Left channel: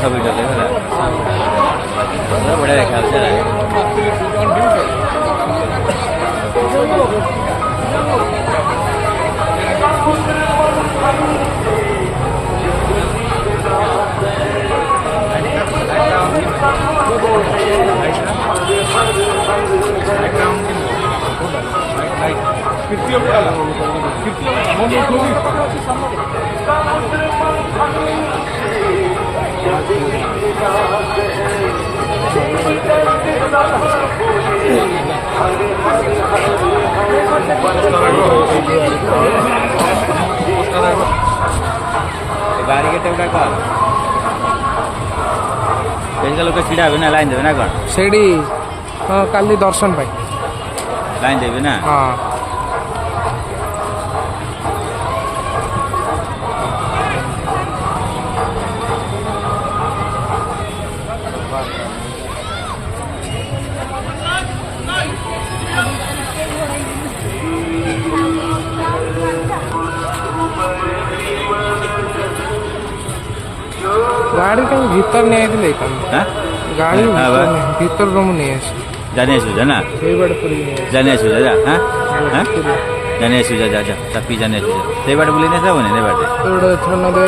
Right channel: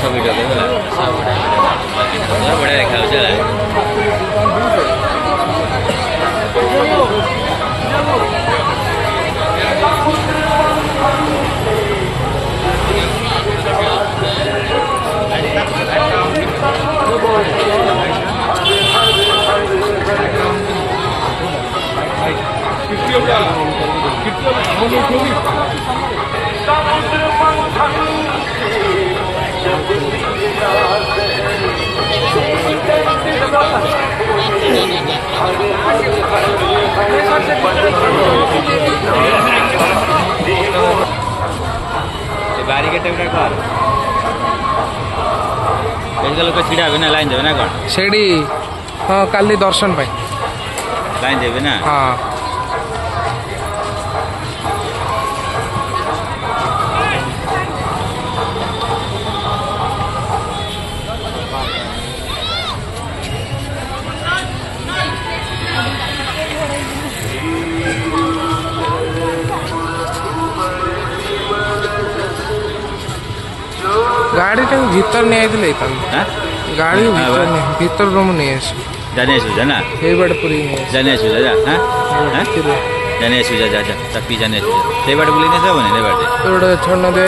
सब वीडियो देखे बढ़िया देखा गाड़ी के टेबल कर लोग सीढ़ा भी ना लाइन देवे ना कौन सेठी हाँ काली दर्शन पाई लाइन देवे ना हाँ गाड़ी टा भीतर नहीं आई थी गाड़ी भीतर रूम नहीं आस जाने जना ये बड़े पूरी नहीं जाने जा हां आस जाने जा तपी जाने से बाटे बोली ना सब नहीं बाटे तो छोड़ना दे